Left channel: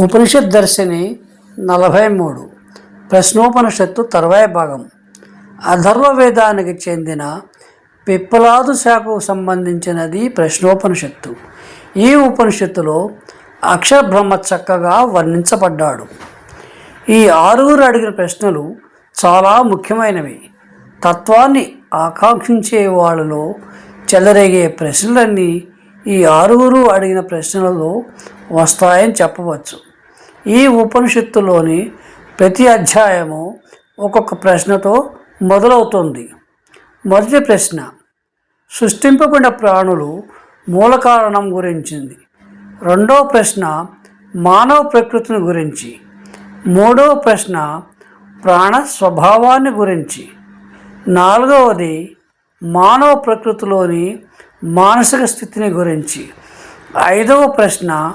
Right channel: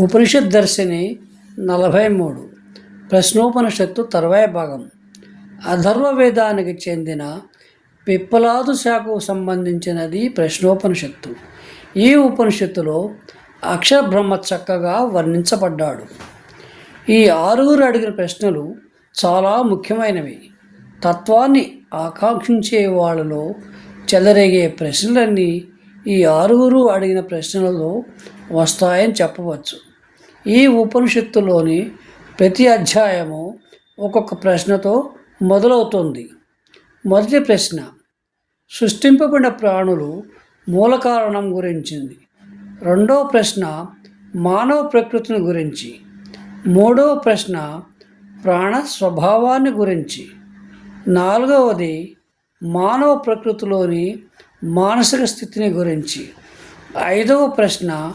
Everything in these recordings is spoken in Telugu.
ఉపనిషత్ దర్శిని నలభై మూడు. ప్రశ్నోపనిషత్తు తర్వాయి భాగం. అధర్వ వేదానికి చెందిన పిప్పలాదు శాఖకు సంబంధించినది ప్రశ్నోపనిషత్తు. ఈ ఉపనిషత్తులో అక్షర బ్రహ్మ చక్కగా వర్ణించబడ్డాడు. ఈ ఆరుగురు అడిగిన ప్రశ్నలు చాలా ముఖ్యమైనవి. తత్వాన్ని ఆకాంక్షించే వాళ్ళలో చెలరేగే ప్రశ్నలన్నీ ఈ ఆరుగురు అడిగిన ప్రశ్నలలో వస్తాయని చెప్పవచ్చు. ఈ ఉపనిషత్తులోని ప్రతి అధ్యాయము ఒక్కొక్క ప్రశ్నతో మొదలవుతుంది. మొదటి ప్రశ్న సృష్టింపబడిన ప్రాణులు మూల కారణం గురించింది. రెండవ ప్రశ్న మానవ ప్రకృతిని గురించి. మూడవ ప్రశ్న ప్రాణ స్వభావాన్ని గురించి. నాలుగవది మానవ ప్రకృతిలోని మానసిక స్థితిని గురించి. ఐదవ ప్రశ్న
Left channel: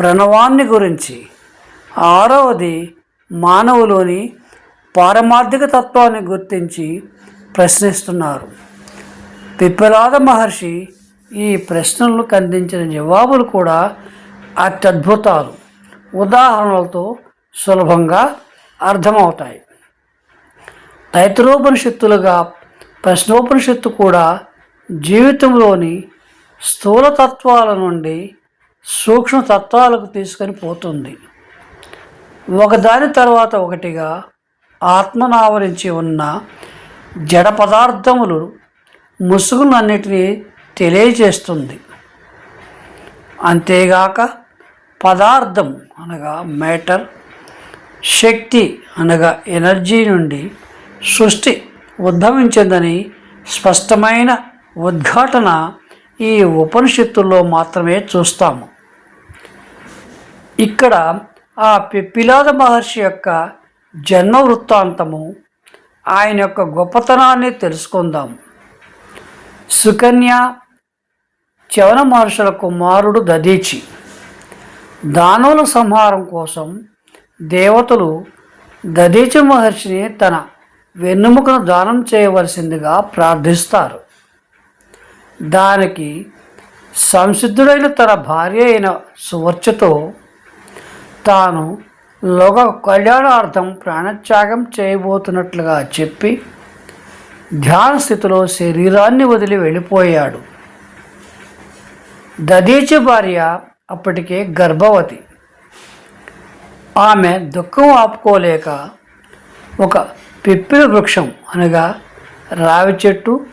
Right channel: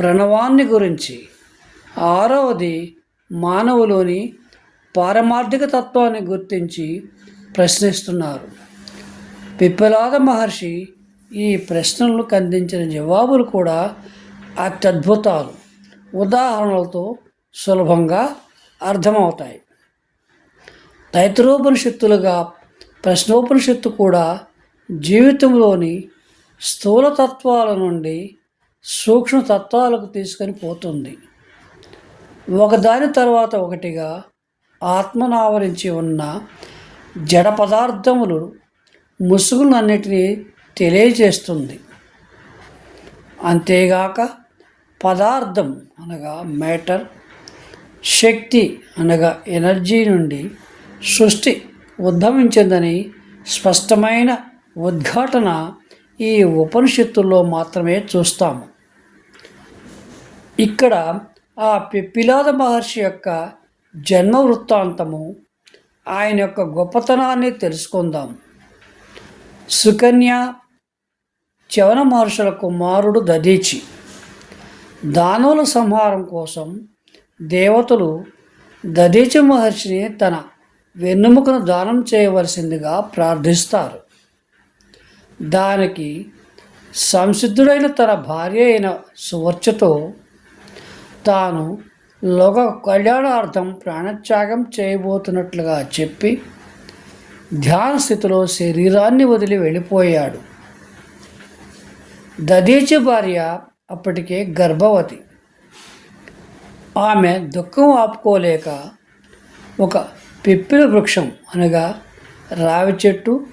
ప్రణవాన్ని గురించి. ఆరవది మానవులోని పారమార్థిక తత్వాన్ని గుర్తించి ప్రశ్నిస్తున్నారు. పిప్పలాద మహర్షి ఈ ప్రశ్నలకు అందించిన జవాబులు కూడా అత్యద్భుతాలు. ఉదాహరణలతో సులభంగా అర్థమవుతాయి. తైత్రోపనిషత్తులుగా ప్రశ్నోపనిషత్తు కూడా జీవితంలోని స్థూలతత్వాల నుండి సూక్ష్మ తత్వాలకు తీసుకొని పోతుంది. ఒకదాని తర్వాత ఒకటిగా ఆత్మనావరించి ఉన్న జడ పదార్థములు ముసుగులన్నిటినీ తెలియజేస్తుంది. అంతేగాక పదార్థం అనగా మ్యాటర్ శక్తి అనగా ఎనర్జీ నుండి సృష్టి ఉద్భవించిందని స్పష్టమైన ఉద్ఘాటన ఈ ఉపనిషత్తుల్లో మాత్రమే చూస్తాము. ఇక్కడ ఆ పిప్పిలాద మహర్షి యొక్క జన్మ వృత్తాంతము ఆయన యొక్క గొప్పతనాన్ని తెలుసుకుందాం. సుకన్య చవన మహర్షుల కుమారుడు దదీచి దానవుల సంహారం కోసం దేవతలు దదీచి మహర్షిని తన వెన్నుముకను దానం చేయవలసిందిగా ప్రార్థిస్తారు. దానికి సంసిద్ధుడైన తన భార్య అయిన సువర్చతో తాను లోక కళ్యాణార్థం ప్రాణత్యాగం చేయబోతున్నట్లుగా చెప్పి ధ్యాన స్థితిలో శరీరాన్ని వదిలి వెళ్ళిపోయాడు. దదీచి భార్య అప్పటికే గర్భవతి. ఆమె దుఃఖం ఆపుకోలేక ఒక పిప్పిల వృక్షం అనగా రావి చెట్టు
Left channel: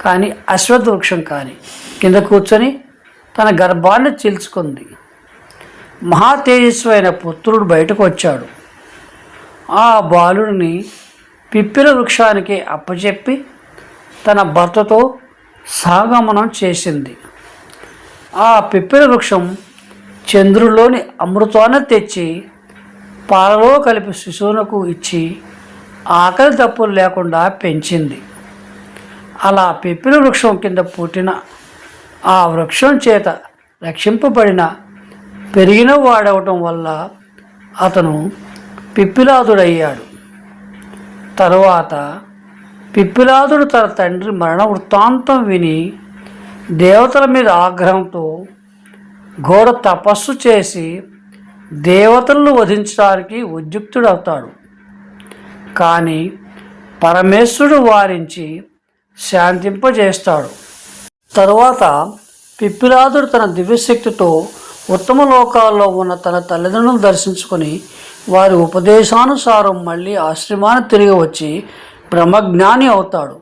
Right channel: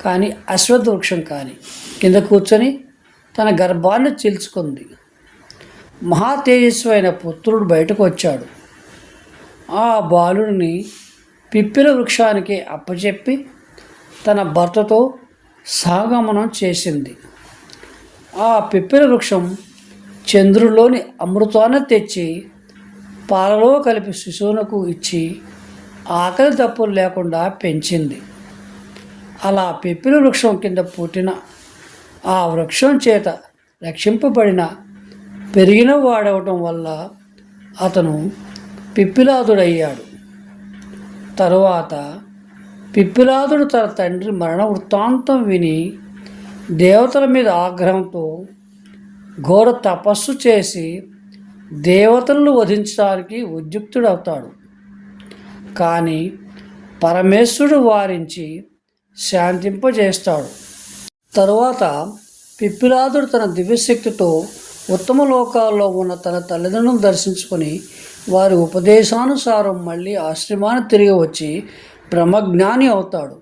కానీ అశ్వత్థ వృక్షం కానీ కింద కూర్చొని తన గర్భాన్ని చీల్చుకుంది. మహాతేజస్సు అయిన పుత్రుడు బయటకు వచ్చాడు. ఆ బాలుడిని పిప్పిల వృక్షానికి అప్పచెప్పి తన భర్తతో సాగమనం చేసింది. ఆ పిప్పిల వృక్షం చంద్రులోని అమృతాన్ని తెచ్చి పాలలో కలిపి శిశువునకు ఇచ్చి ఆకలి తప్పులు లేకుండా పెంచింది. అలా పిప్పిల వృక్షం కింద పుట్టిన ఆ వృక్షం చేత రక్షింపబడిన పెరిగిన వాడవటం వల్ల అతను పిప్పిలాదుడయ్యాడు. తరువాత పిప్పిలాదుడు తన తండ్రి మరణ వృత్తాంతం విని దేవతల మీద ఆగ్రహంతో ఘోర తపస్సు చేసి దేవతలను వధించడానికి ఉద్యుక్తుడవుతాడు. కానీ పరమేశ్వరుడు వారించి శాంతింపజేస్తాడు. తరువాత పిప్పిలాదుడు తన దివ్యశక్తితో ఉత్తమ లోకాల్లో ఉన్న తన తల్లిదండ్రులను దర్శించుకొని వారి ఉపదేశానుసారం మళ్ళీ ఆశ్రమాన్ని తిరిగి వచ్చి బ్రహ్మజ్ఞాని అవుతాడు.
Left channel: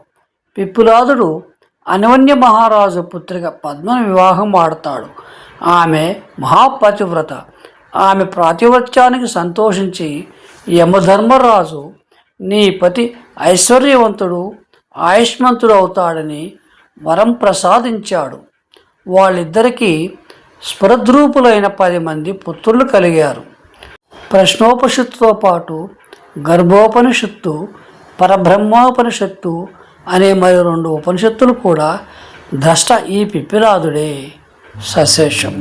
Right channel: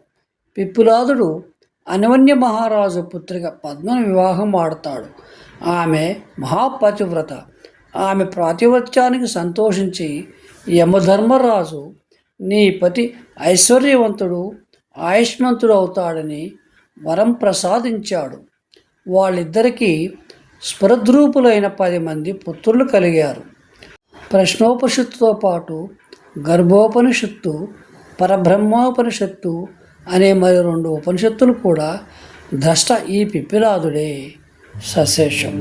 పిప్పులాదుడు అనవన్య మహారాజు పుత్రిక పద్మను వివాహం ఆడతాడు. ఆమె మహాపతివ్రత ఆమె ప్రాతివత్యానికి సంతోషించి యమధర్మరాజు నీ పతి ఐశ్వర్యవంతుడు ఆయుష్మంతుడు అవుతాడని వరం ప్రసాదించాడు. వాళ్ళిద్దరికీ స్ఫురద్రూపులైన పది మంది పుత్రులు కలిగారు. ప్రశ్నోపనిషత్తుతో పాటు గర్భోపనిషత్తు పరబ్రహ్మోపనిషత్తు అనే మరి రెండు ఉపనిషత్తులు కూడా ద్రష్ట ఈ పిప్పిలాదుడే సశేషం.